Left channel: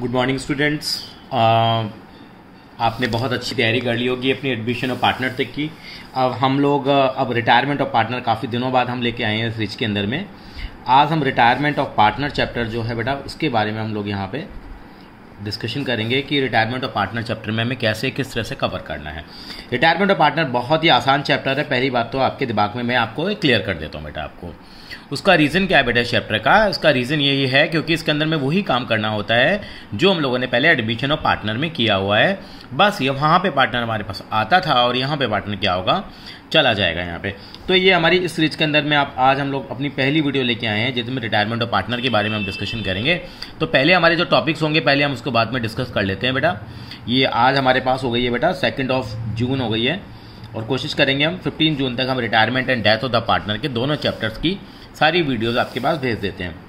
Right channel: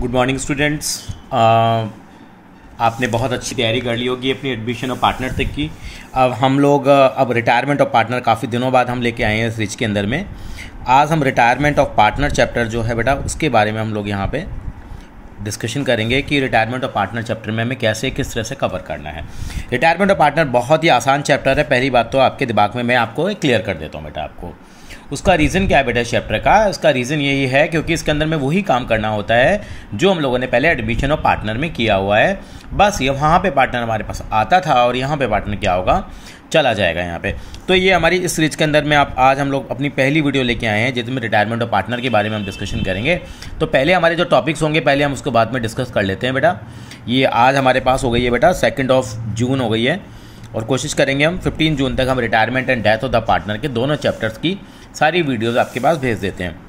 Good morning students. आपने बहुत अच्छी तैयारी कर ली होगी अपनी एडमिशन और पार्टनर तक की। अब हम लोग अब रिटायरमेंट ऑफ पार्टनर काफ़ी दिनों बाद हम लेके आए हैं इस रिच के अंदर में। आज हम रिटायरमेंट ऑफ पार्टनर चैप्टर जो है बेटा उसके बारे में हम लोग यहाँ पे डिस्कशन करेंगे कि रिटायरमेंट ऑफ पार्टनर चैप्टर में हमें कैसे किस तरह से कवर करना है। रिटायरमेंट ऑफ पार्टनर बहुत ही आसान चैप्टर है। पहली बात तो आपके दिमाग में मैं आपको क्लियर कर देता हूँ बेटा। आपको उसका रीज़न क्या है बेटा इस चैप्टर का? इसका रीज़न यही है क्योंकि इसके अंदर में वही काम करना होता है जो हम लोगों ने पहले एडमिशन ऑफ पार्टनर में किया हुआ है। बस ये वहाँ पे पार्टनर हमारे पास आता था और यहाँ पे पार्टनर क्या होगा, चला जाएगा यहाँ पे। तो ये हमारी इस सीरीज के अंदर में आज हम लोग अपनी पहली वीडियो लेके आए हैं जिसमें रिटायरमेंट ऑफ पार्टनर के बारे में हम डिस्कशन करेंगे। तो पहले हमारे जो टॉपिक्स होंगे पहले हम उसको बाद में डिस्कस कर लेते हैं बेटा। ये आज हमारे पास हो गई है बेटा 2 जून हो गई है और कोशिश करेंगे हम 15 जून तक हम retirement and death of the partner के दोनों चैप्टर्स की सारी वीडियोज़ आपके पास भेज देते हैं।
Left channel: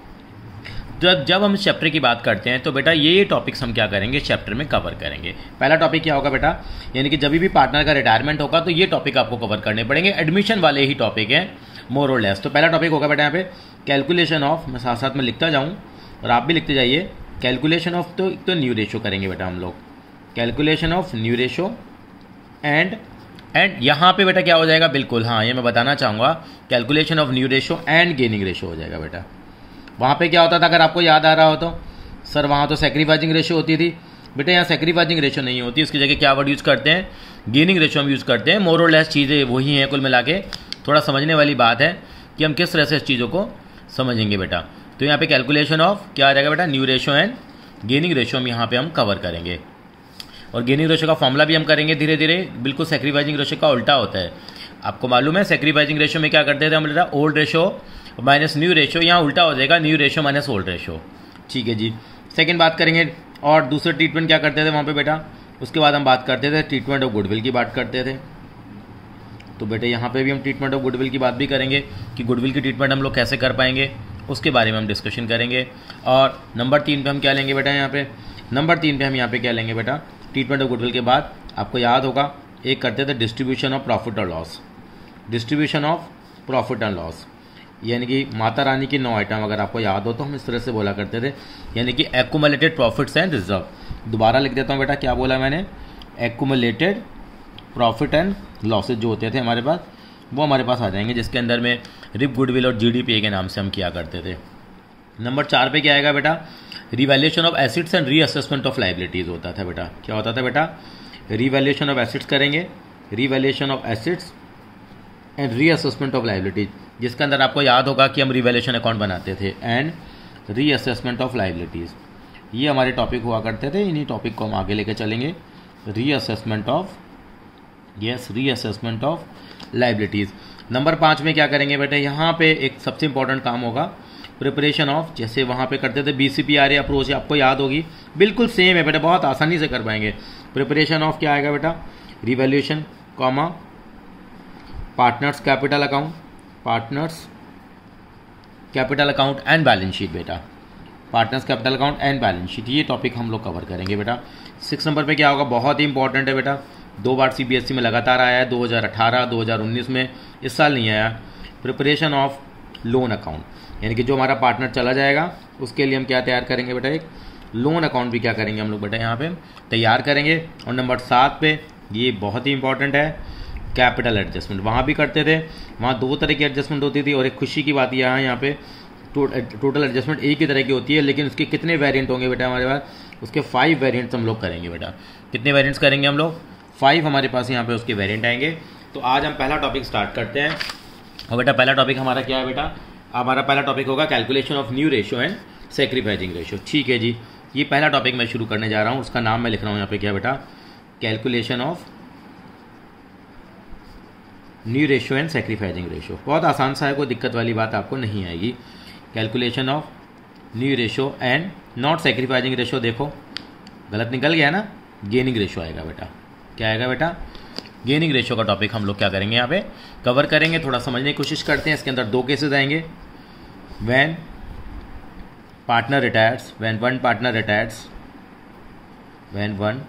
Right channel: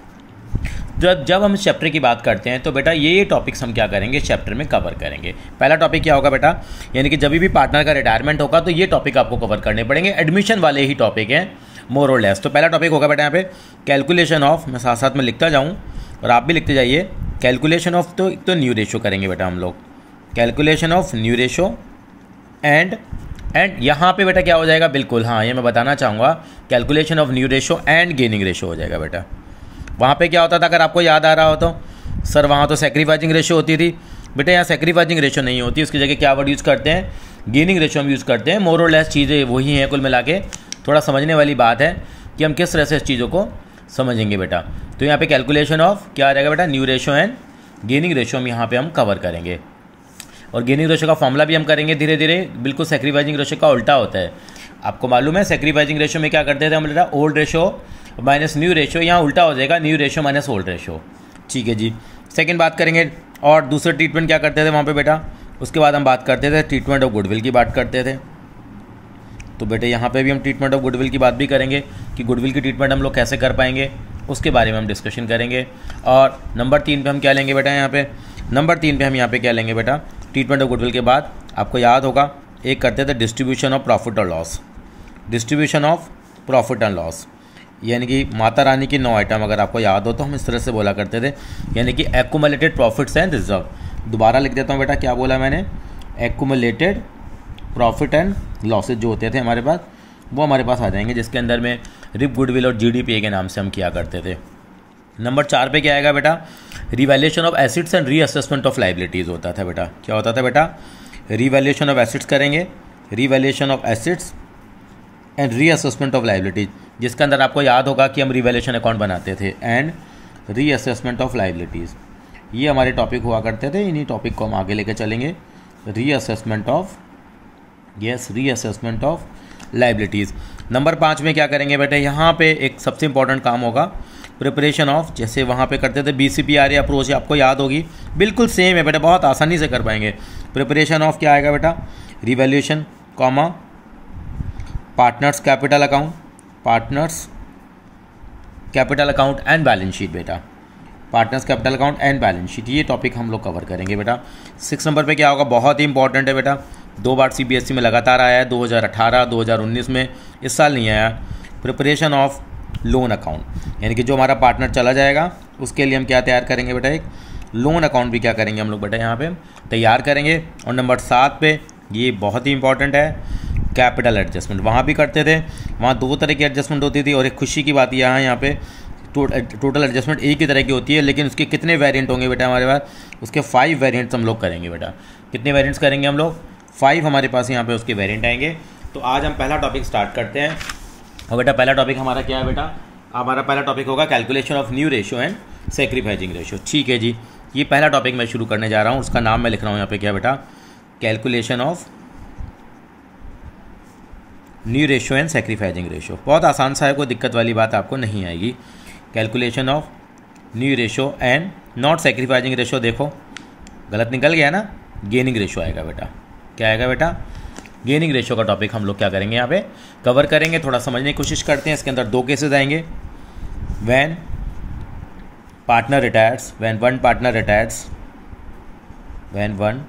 जब हम इस चैप्टर की बात करते हैं तो बेटा ये टॉपिक्स हम क्या करेंगे इस चैप्टर में कवर करेंगे। पहला टॉपिक क्या होगा बेटा, यानी कि जब भी पार्टनर का रिटायरमेंट होगा तो ये टॉपिक आपको कवर करने पड़ेंगे। एडमिशन वाले ही टॉपिक हैं मोर और लेस। तो पहला टॉपिक होगा बेटा यहाँ पे कैलकुलेशन ऑफ, मैं साथ साथ में लिखता जाऊँ और आप भी लिखते जाइए। कैलकुलेशन ऑफ तो न्यू रेशो करेंगे बेटा हम लोग, calculation of new ratio and यहाँ पे बेटा क्या हो जाएगा, बिल्कुल हाँ ये मैं बताना चाहूँगा, calculation of new ratio and gaining ratio हो जाएगा बेटा। वहाँ पे क्या होता था अगर आपको याद आ रहा हो तो सर, वहाँ तो सैक्रिफाइसिंग रेशो होती थी बेटा। यहाँ सैक्रिफाइसिंग रेशो नहीं होती, उसकी जगह क्या वर्ड यूज़ करते हैं, गेनिंग रेशो हम यूज़ करते हैं। मोर और लेस चीज़ें वही हैं कुल मिला के। थोड़ा समझने वाली बात है कि हम किस तरह से इस चीज़ों को समझेंगे बेटा। तो यहाँ पे कैलकुलेशन ऑफ क्या आ जाएगा बेटा, new ratio and gaining ratio हम यहाँ पे हम कवर करेंगे। और गेनिंग रेशो का फॉर्मूला भी हम करेंगे धीरे धीरे। बिल्कुल सैक्रिफाइसिंग रेशो का उल्टा होता है, आपको मालूम है। सैक्रिफाइसिंग रेशो में क्या करते थे हम बेटा, old ratio minus new ratio, यहाँ उल्टा हो जाएगा new ratio minus old ratio. ठीक है जी। सेकंड बात करेंगे और दूसरे ट्रीटमेंट क्या करते थे वहाँ पे बेटा। उसके बाद हम बात करते थे ट्रीटमेंट ऑफ गुडविल की बात करते थे। तो बेटे यहाँ पे भी हम ट्रीटमेंट ऑफ गुडविल की बात भी करेंगे कि गुडविल की ट्रीटमेंट हम लोग कैसे कर पाएंगे, उसके बारे में हम डिस्कशन करेंगे। और नंबर 3 पे हम क्या लेंगे बेटा, यहाँ पे नंबर 3 पे हम यहाँ पे क्या लेंगे बेटा, ट्रीटमेंट ऑफ गुडविल के बाद आपको याद होगा एक करते थे डिस्ट्रीब्यूशन ऑफ प्रॉफिट और loss. Distribution of profit and loss यानी कि माता रानी की 9 आइटम अगर आपको याद हो तो हम इस तरह से बोला करते थे, यानी कि एक्यूमुलेटेड प्रॉफिट्स एंड रिजर्व। दोबारा लिख देता हूँ बेटा, क्या बोला मैंने, एक्यूमुलेटेड प्रॉफिट एंड लॉसेज जो होते थे हमारे पास वो हमारे पास आ जाएंगे, जिसके अंदर में रिप गुडविल और जीडीपी के नाम से हम किया करते थे। नंबर 4 पे क्या आएगा बेटा, revaluation of assets and reassessment of liabilities होता था बेटा। क्या होता था बेटा, रिवैल्यूएशन ऑफ एसेट्स करेंगे, revaluation of assets and reassessment of liabilities, जिसके अंदर आपको याद होगा कि हम रिवैल्यूएशन अकाउंट बनाते थे एंड रीअसेसमेंट ऑफ लाइबिलिटीज़। ये हमारे टॉपिक हुआ करते थे, इन्हीं टॉपिक को हम आगे लेके चलेंगे। Reassessment of, yes, reassessment of liabilities. Number 5 में क्या करेंगे बेटा, यहाँ पे एक सबसे इंपॉर्टेंट काम होगा प्रिपरेशन ऑफ, जैसे वहाँ पे करते थे BCPR अप्रोच, आपको याद होगी, बिल्कुल सेम है बेटा, बहुत आसानी से कर पाएंगे। प्रिपरेशन ऑफ क्या आएगा बेटा, revaluation comma partners capital account, partners capital account and balance sheet बेटा, partners capital account and balance sheet, ये टॉपिक हम लोग कवर करेंगे बेटा। 6 नंबर पे क्या होगा, बहुत ही इंपॉर्टेंट है बेटा, 2 बार CBSE में लगातार आया है, 2018 2019 में, इस साल नहीं आया। प्रिपरेशन ऑफ लोन अकाउंट, यानी कि जो हमारा पार्टनर चला जाएगा उसके लिए हम क्या तैयार करेंगे बेटा, एक लोन अकाउंट भी क्या करेंगे हम लोग बेटा यहाँ पे तैयार करेंगे। और नंबर 7 पे ये बहुत ही इंपॉर्टेंट है, कैपिटल एडजस्टमेंट। वहाँ भी करते थे, वहाँ 2 तरह की एडजस्टमेंट होती थी और एक खुशी की बात यहाँ पे टोटल एडजस्टमेंट एक ही तरह की होती है, लेकिन उसके कितने वेरिएंट होंगे बेटा हमारे पास, उसके 5 वेरिएंट्स हम लोग करेंगे बेटा। कितने वेरिएंट्स करेंगे हम लोग, 5 हमारे पास यहाँ पे उसके वेरिएंट आएंगे। तो आज हम पहला टॉपिक स्टार्ट करते हैं और बेटा पहला टॉपिक हमारा क्या है बेटा, हमारा पहला टॉपिक होगा calculation of new ratio and sacrificing ratio. ठीक है जी, ये पहला टॉपिक मैं शुरू करने जा रहा हूँ, उसका नाम मैं लिख रहा हूँ यहाँ पे क्या बेटा, calculation of new ratio and sacrificing ratio. बहुत आसान सा है, कोई दिक्कत वाली बात आपको नहीं आएगी। Calculation of new ratio and not sacrificing ratio, देखो गलत निकल गया ना, गेनिंग रेशो आएगा बेटा। क्या आएगा बेटा, गेनिंग रेशो का टॉपिक हम लोग क्या करेंगे यहाँ पे कवर करेंगे। थोड़ा समझने की कोशिश करते हैं। इसके अंदर 2 केसेस आएंगे, when partner retires, when one partner retires, when one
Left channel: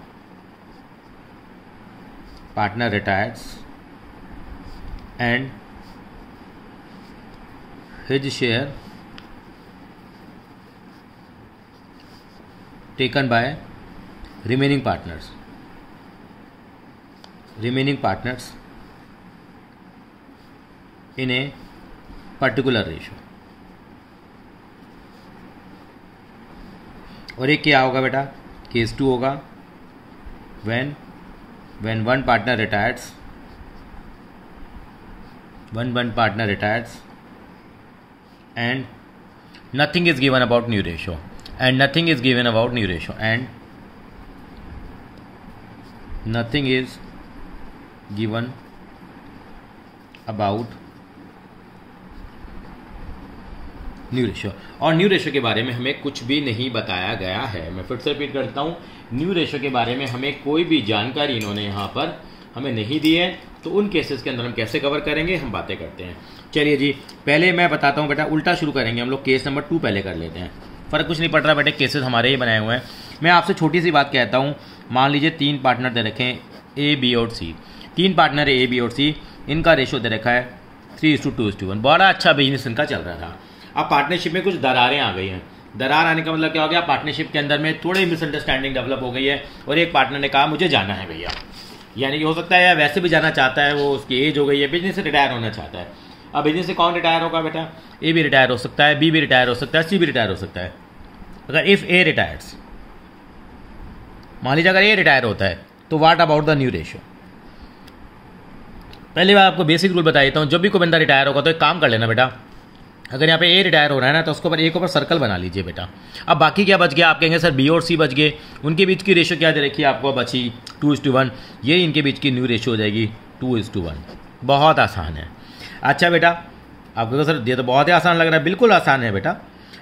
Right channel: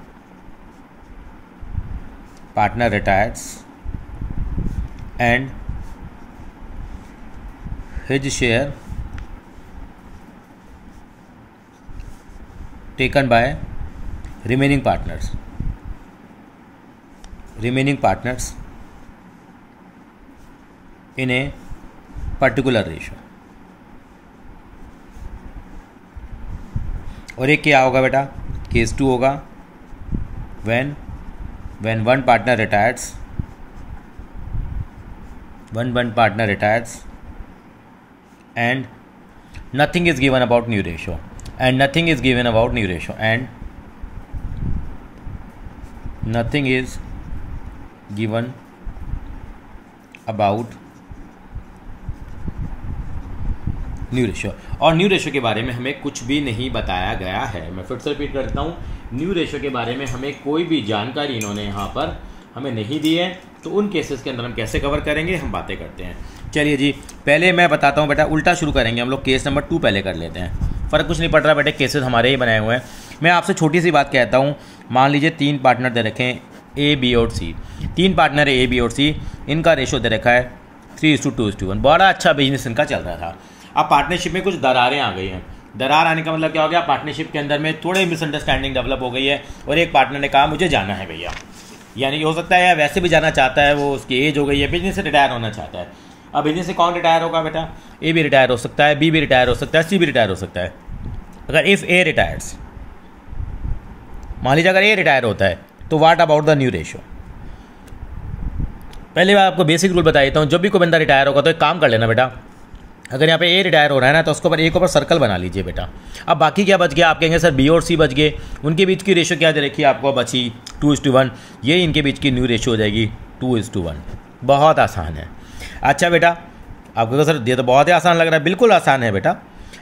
partner retires and his share taken by remaining partners in a particular ratio. और एक क्या होगा बेटा, केस 2 होगा when one partner retires and nothing is given about new ratio and nothing is given about new ratio and nothing is given about new ratio. और new ratio के बारे में हमें कुछ भी नहीं बताया गया है। मैं फिर से रिपीट करता हूँ, न्यू रेशो के बारे में हमें कोई भी जानकारी इन्होंने यहाँ पर हमें नहीं दी है। तो उन केसेस के अंदर हम कैसे कवर करेंगे, हम बातें करते हैं। चलिए जी, पहले मैं बताता हूँ बेटा, उल्टा शुरू करेंगे हम लोग। केस नंबर 2 पहले कर लेते हैं, फ़र्क कुछ नहीं पड़ रहा बेटे, केसेस हमारे ही बनाए हुए हैं। मैं आपसे छोटी सी बात कहता हूँ, मान लीजिए 3 पार्टनर दे रखे हैं ए, बी और सी। 3 पार्टनर है ए, बी और सी, इनका रेशो दे रखा है 3:2:1। बड़ा अच्छा बिजनेस इनका चल रहा था। अब पार्टनरशिप में कुछ दरारें आ गई हैं। दरार आने का मतलब क्या हो गया, पार्टनरशिप के अंदर में थोड़ी मिसअंडरस्टैंडिंग डेवलप हो गई है और एक पार्टनर ने कहा मुझे जाना है भैया, यानी कि हो सकता है वैसे भी जाना चाहता है, वो उसकी एज हो गई है, बिजनेस से रिटायर होना चाहता है। अब बिजनेस से कौन रिटायर होगा बेटा, ए भी रिटायर हो सकता है, बी भी रिटायर हो सकता है, सी भी रिटायर हो सकता है। अगर इफ़ ए रिटायर्स, मान लीजिए अगर ए रिटायर होता है, तो what about the new ratio. पहले मैं आपको बेसिक रूल बता देता हूँ। जब भी कोई बंदा रिटायर होगा तो एक काम कर लेना बेटा, अगर यहाँ पे ए रिटायर हो रहा है ना, तो उसके ऊपर ए के ऊपर सर्कल बना लीजिए बेटा। अब बाकी क्या बच गया, आप कहेंगे सर बी और सी बच गए, उनके बीच की रेशो क्या दे रखी है आपको बची 2:1। ये इनके बीच की न्यू रेशो हो जाएगी 2:1। बहुत आसान है। अच्छा बेटा, आपको तो सर ये तो बहुत ही आसान लग रहा है, बिल्कुल आसान है बेटा।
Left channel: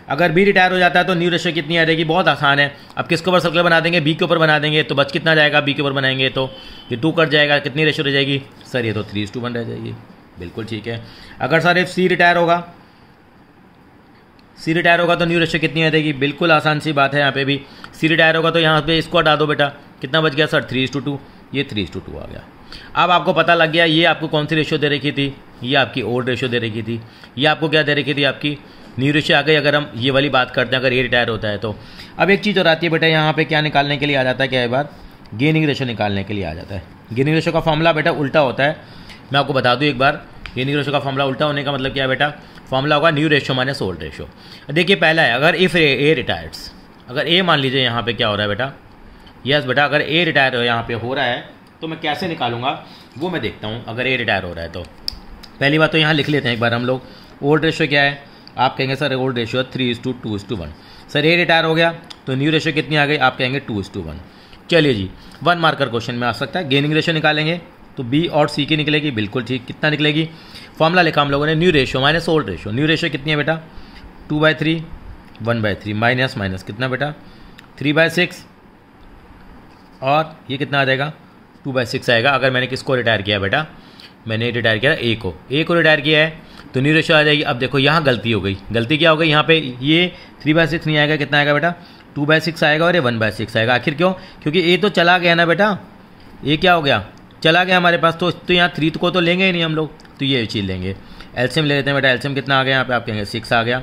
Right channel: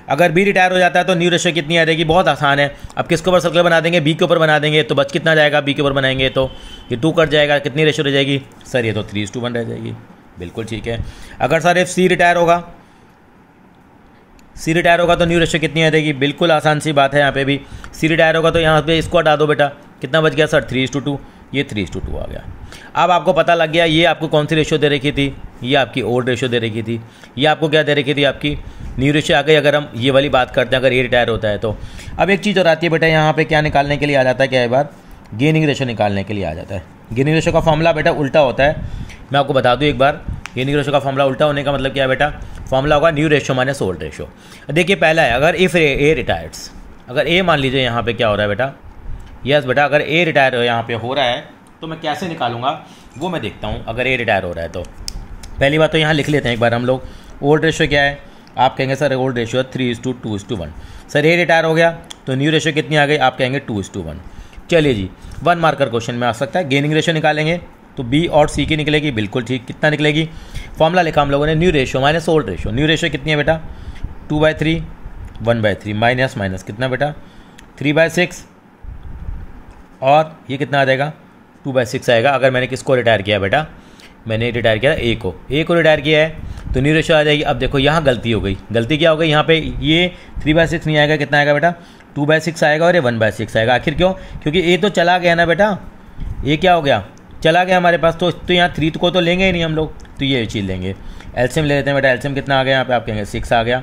अगर बी रिटायर हो जाता है तो न्यू रेशो कितनी आ जाएगी, बहुत आसान है। अब किसके ऊपर सर्कल बना देंगे, बी के ऊपर बना देंगे, तो बच कितना जाएगा, बी के ऊपर बनाएंगे तो ये 2 कट जाएगा, कितनी रेशो रह जाएगी सर, ये तो 3:1 रह जाएगी। बिल्कुल ठीक है। अगर सर इफ सी रिटायर होगा, सी रिटायर होगा तो न्यू रेशो कितनी आ जाएगी, बिल्कुल आसान सी बात है। यहाँ पे भी सी रिटायर होगा तो यहाँ पे इसको हटा दो बेटा, कितना बच गया सर 3:2, ये 3:2 आ गया। अब आपको पता लग गया ये आपको कौन सी रेशो दे रखी थी, ये आपकी ओल्ड रेशो दे रखी थी, ये आपको क्या दे रखी थी, आपकी न्यू रेशो आ गई। अगर हम ये वाली बात करते हैं, अगर ये रिटायर होता है तो अब एक चीज़ और आती है बेटा, यहाँ पे क्या निकालने के लिए आ जाता है, क्या है बार गेनिंग रेशो निकालने के लिए आ जाता है। गेनिंग रेशो का फॉर्मूला बेटा उल्टा होता है, मैं आपको बता दूँ एक बार। गेनिंग रेशो का फॉर्मूला उल्टा होने का मतलब क्या है बेटा, फॉर्मूला होगा new ratio minus old ratio. देखिए पहला है, अगर इफ़ ए रिटायर्स, अगर ए मान लीजिए यहाँ पे क्या हो रहा है बेटा, यस बेटा, अगर ए रिटायर यहाँ पे हो रहा है तो मैं कैसे निकालूंगा वो मैं देखता हूँ। अगर ए रिटायर हो रहा है तो पहली बात तो यहाँ लिख लेते हैं एक बार हम लोग, ओल्ड रेशो क्या है। आप कहेंगे सर ओल्ड रेशो 3:2:1। सर ए रिटायर हो गया तो न्यू रेशो कितनी आ गई, आप कहेंगे 2:1। चलिए जी, 1 मार्कर क्वेश्चन में आ सकता है। गेनिंग रेशो निकालेंगे तो बी और सी की निकलेगी, बिल्कुल ठीक। कितना निकलेगी, फॉर्मूला लिखा हम लोगों ने, new ratio minus old ratio. New ratio कितनी है बेटा 2/3, 1/3 माइनस माइनस कितना बेटा 3/6, और ये कितना आ जाएगा 2/6 आएगा। अगर मैंने किसको रिटायर किया बेटा, मैंने रिटायर किया ए को रिटायर किया है तो न्यू रेशो आ जाएगी। अब देखो यहाँ गलती हो गई, गलती क्या हो गई, यहाँ पे ये 3/6 नहीं आएगा, कितना आएगा बेटा 2/6 आएगा, और ये 1/6 आएगा। आखिर क्यों, क्योंकि ए तो चला गया ना बेटा, ए क्या हो गया, चला गया हमारे पास, तो यहाँ 3 को तो लेंगे ही नहीं हम लोग, तो ये चीज़ लेंगे। एलसीएम ले लेते हैं बेटा, एलसीएम कितना आ गया यहाँ पे, आप कहेंगे 6 आ गया।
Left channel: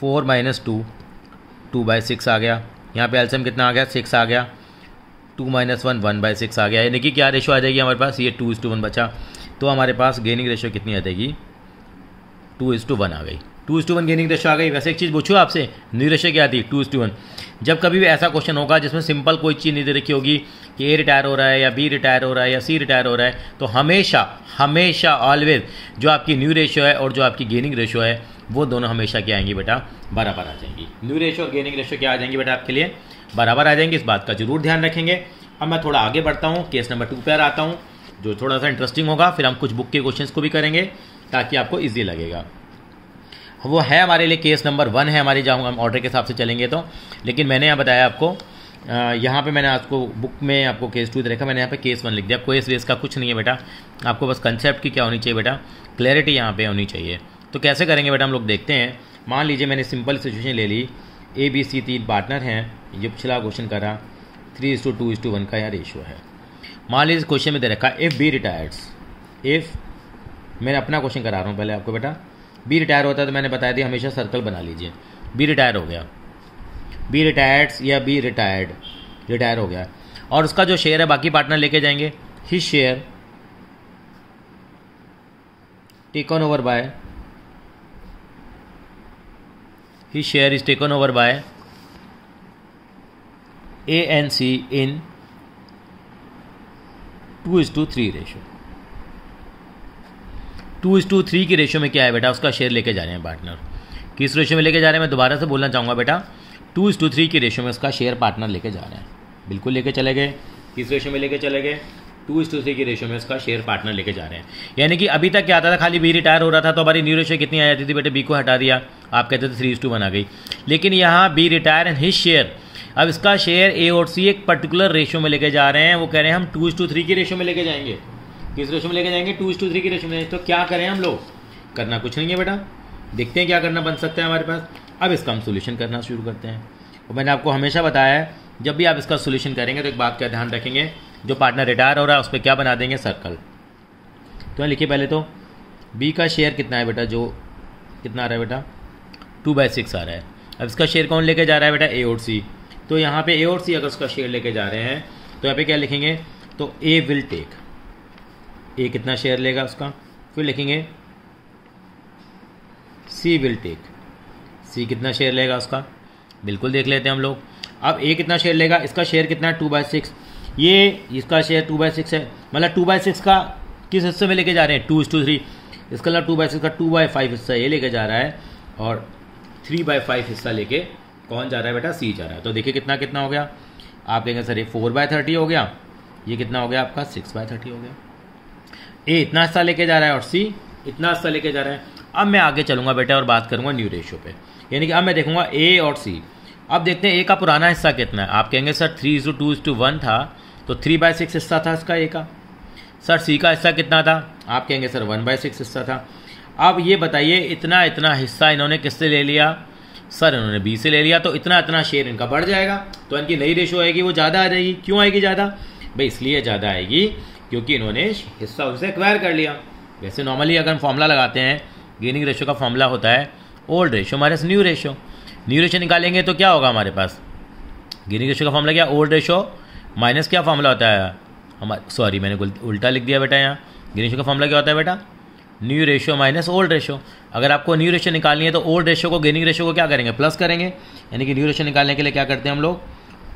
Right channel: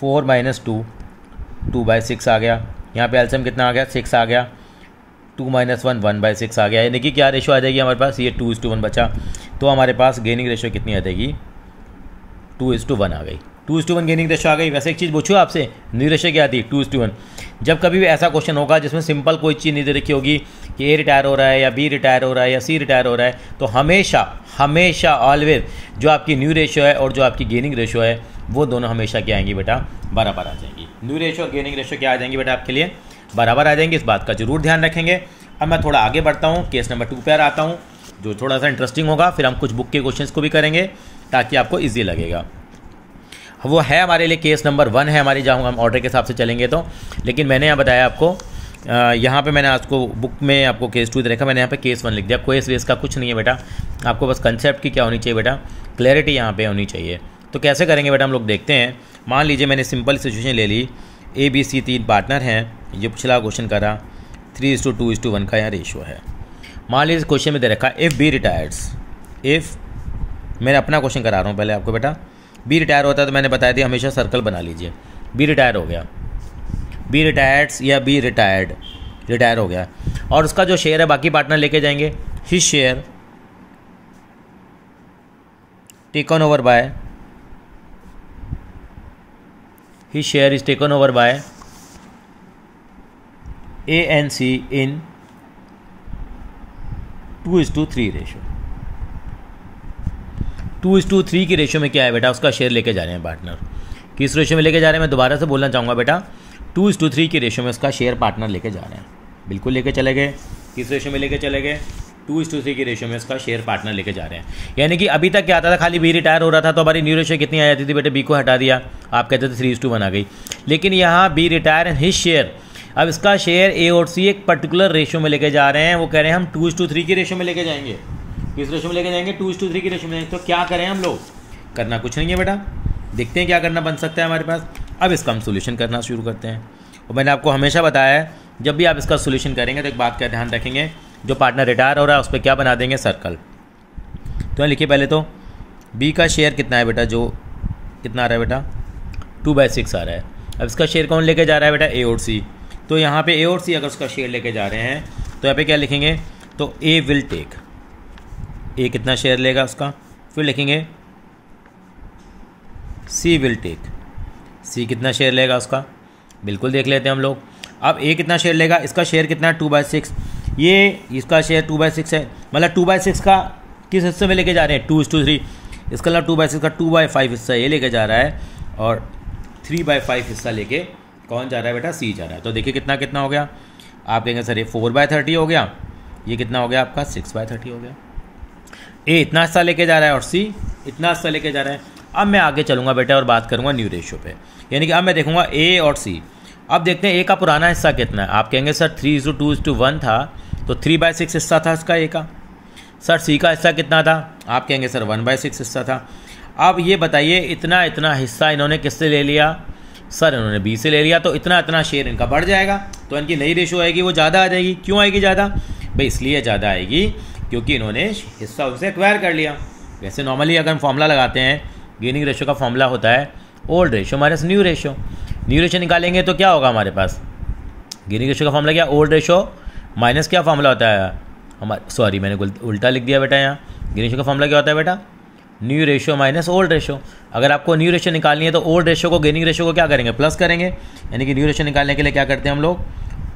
4 - 2 2/6 आ गया। यहाँ पे एलसीएम कितना आ गया 6 आ गया। 2 - 1 1/6 आ गया। यानी कि क्या रेशो आ जाएगी हमारे पास, ये 2:1 बचा। तो हमारे पास गेनिंग रेशो कितनी आ जाएगी 2:1 आ गई। 2:1 गेनिंग रेशो आ गई। वैसे एक चीज़ पूछो आपसे, न्यू रेशो क्या थी 2:1। जब कभी भी ऐसा क्वेश्चन होगा जिसमें सिंपल कोई चीज़ नहीं दे रखी होगी कि ए रिटायर हो रहा है या बी रिटायर हो रहा है या सी रिटायर हो रहा है, तो हमेशा ऑलवेज जो आपकी न्यू रेशो है और जो आपकी गेनिंग रेशो है वो दोनों हमेशा क्या आएंगी बेटा, बराबर आ जाएंगी। न्यू रेशो और गेनिंग रेशो क्या आ जाएंगी बेटा आपके लिए, बराबर आ जाएंगे। इस बात का जरूर ध्यान रखेंगे। अब मैं थोड़ा आगे बढ़ता हूँ, केस नंबर 2 पर आता हूँ जो थोड़ा सा इंटरेस्टिंग होगा। फिर हम कुछ बुक के क्वेश्चंस को भी करेंगे ताकि आपको ईजी लगेगा। वो है हमारे लिए केस नंबर 1 है हमारी, जहाँ हम ऑर्डर के हिसाब से चलेंगे तो। लेकिन मैंने यहाँ बताया आपको, यहाँ पे मैंने आपको बुक में आपको केस 2 देखा, मैंने यहाँ पे केस 1 लिख दिया। कोई वेस का कुछ नहीं है बेटा, आपको बस कंसेप्ट की क्या होनी चाहिए बेटा, क्लैरिटी यहाँ पे होनी चाहिए। तो कैसे करेंगे बेटा हम लोग देखते हैं। मान लीजिए मैंने सिंपल सिचुएशन ले ली, ABC 3 पार्टनर हैं, ये पिछला क्वेश्चन करा 3:2:1 का यहाँ रेशियो है। मान लीजिए क्वेश्चन में दे रखा इफ़ बी रिटायर्स, इफ़ मैंने अपना क्वेश्चन करा रहा हूँ पहले आपको बेटा। बी रिटायर होता है तो मैंने बताया दिया हमेशा सर्कल बना लीजिए। बी रिटायर हो गया बी रिटायर्ड या बी रिटायर हो गया, और उसका जो शेयर है बाकी पार्टनर लेके जाएंगे। His share taken over by, his share is taken over by A and C in 2:3 ratio. 2:3 की रेशो में क्या है बेटा, उसका शेयर लेके जा रहे हैं पार्टनर। किस रेशो में लेके जा रहे हैं, मैं दोबारा से बोलना चाहूँगा बेटा, 2:3 की रेशो में उसका शेयर पार्टनर लेके जा रहे हैं। बिल्कुल लेके चले गए। किस रेशो में लेके चले गए, 2:3 की रेशो में उसका शेयर पार्टनर लेके जा रहे हैं। यानी कि अभी तक क्या आता था, खाली बी रिटायर हो रहा था तो हमारी न्यू रेशो कितनी आ जाती थी बेटे, बी को हटा दिया, आप कहते थे 3:1 आ गई। लेकिन यहाँ B retire and his share, अब इसका शेयर ए और सी एक पर्टिकुलर रेशो में लेके जा रहे हैं। वो कह रहे हैं हम 2:3 की रेशो में लेके जाएंगे। किस रेशो में लेके जाएंगे, 2:3 की रेशो में। तो क्या करें हम लोग, करना कुछ नहीं है बेटा, देखते हैं क्या करना बन सकता है हमारे पास। अब इसका हम सोल्यूशन करना शुरू करते हैं। और मैंने आपको हमेशा बताया है, जब भी आप इसका सोल्यूशन करेंगे तो एक बात का ध्यान रखेंगे, जो पार्टनर रिटायर हो रहा है उस पर क्या बना देंगे, सर्कल। तो लिखिए पहले तो बी का शेयर कितना है बेटा, जो कितना आ रहा है बेटा, 2/6 आ रहा है। अब इसका शेयर कौन लेके जा रहा है बेटा, ए और सी। तो यहाँ पे ए और सी अगर उसका शेयर लेके जा रहे हैं तो यहाँ पे क्या लिखेंगे, तो ए विल टेक, ए कितना शेयर लेगा उसका, फिर लिखेंगे सी विल टेक, सी कितना शेयर लेगा उसका, बिल्कुल देख लेते हैं हम लोग। अब ए कितना शेयर लेगा, इसका शेयर कितना है 2/6, ये इसका शेयर 2/6 है, मतलब 2/6 का किस हिस्से में लेके जा रहे हैं, 2:3। इसका मतलब 2/6 का 2/5 हिस्सा ये लेके जा रहा है, और 3/5 हिस्सा लेके कौन जा रहा है बेटा, सी जा रहा है। तो देखिए कितना कितना हो गया, आप कहेंगे सर ये 4/30 हो गया, ये कितना हो गया आपका 6/30 हो गया। ए इतना हिस्सा लेके जा रहा है और सी इतना हिस्सा लेके जा रहा है। अब मैं आगे चलूँगा बेटा और बात करूँगा न्यू रेशो पे, यानी कि अब मैं देखूँगा ए और सी। अब देखते हैं ए का पुराना हिस्सा कितना है। आप कहेंगे सर 3:2:1 था, तो 3/6 हिस्सा था इसका ए का। सर सी का हिस्सा कितना था, आप कहेंगे सर 1/6 हिस्सा था। अब ये बताइए इतना इतना हिस्सा इन्होंने किससे ले लिया, सर इन्होंने बी से ले लिया, तो इतना इतना शेयर इनका बढ़ जाएगा, तो इनकी नई रेशो आएगी वो ज़्यादा आ जाएगी। क्यों आएगी ज़्यादा भाई, इसलिए ज़्यादा आएगी क्योंकि इन्होंने हिस्सा उनसे एक्वायर कर लिया। वैसे नॉर्मली अगर हम फॉर्मूला लगाते हैं, गेनिंग रेशो का फॉर्मूला होता है old ratio minus new ratio. New ratio निकालेंगे तो क्या होगा हमारे पास, गेनिंग रेशो का फॉर्मूला क्या, ओल्ड रेशो माइनस क्या फॉर्मूला होता है हमारा, सॉरी मैंने उल्टा लिख दिया बेटा, यहाँ गेनिंग रेशो का फॉर्मूला क्या होता है बेटा, new ratio minus old ratio. अगर आपको न्यू रेशो निकालनी है तो ओल्ड रेशो को गेनिंग रेशो को क्या करेंगे, प्लस करेंगे। यानी कि न्यू रेशो निकालने के लिए क्या करते हैं हम लोग,